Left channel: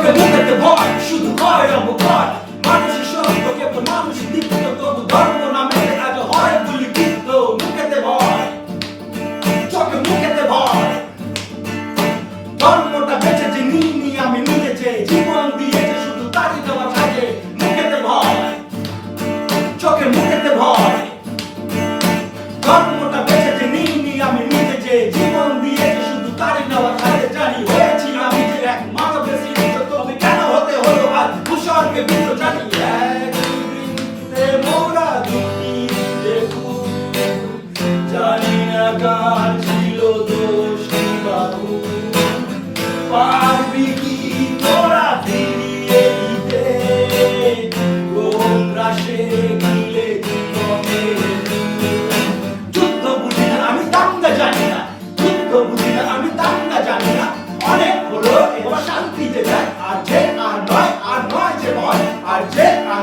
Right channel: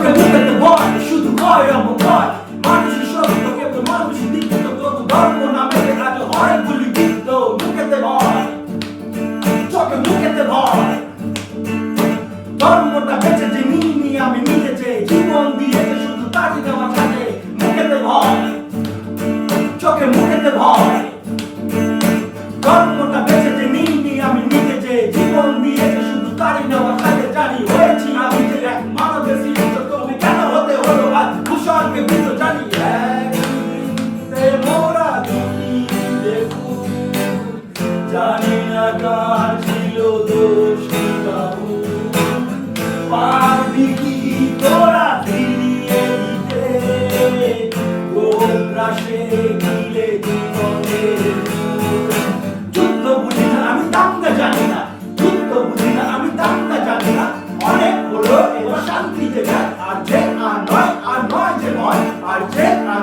চোখে মুখেতে ভয় শুধু হয় অবক্ষয় মানুষের সত্য কেবল মানুষই দীক্ষিত তবু ধর্ম নামে আজ হয় গুলিবিদ্ধ মুখেতে ভয় চোখে মুখেতে ভয় ধর্মটা বেঁচেছে নিয়ে আমি নিজেছে জীবন দিয়েছে শুধু তারই দেওয়া কাজে মুখেতে ভয় চোখে মুখেতে ভয় ধর্মটা বেঁচেছে নিয়ে আমি নিজেছে জীবন দিয়েছে শুধু তারই দেওয়া কাজে জানি হয়েছি আমি যে এক মানবের সৃষ্ট তবে কেন হতে হলো আজ ভূস্বর্গে বিশ্ব জানি এক মোরা দুটি দেখু জানি না কার ছিল দোষ বাবু পারবি কি তোরা ফিরিয়ে দিতে কোন রাশে গিলে জীবনের যুদ্ধ বুঝি না আমি দাঙ্গা জানি না যুদ্ধ বুঝি না আমি দাঙ্গা জানি না অনেক হলো এবার শান্তিতে যায় আর যে আর নয় যে নয় আর যে আর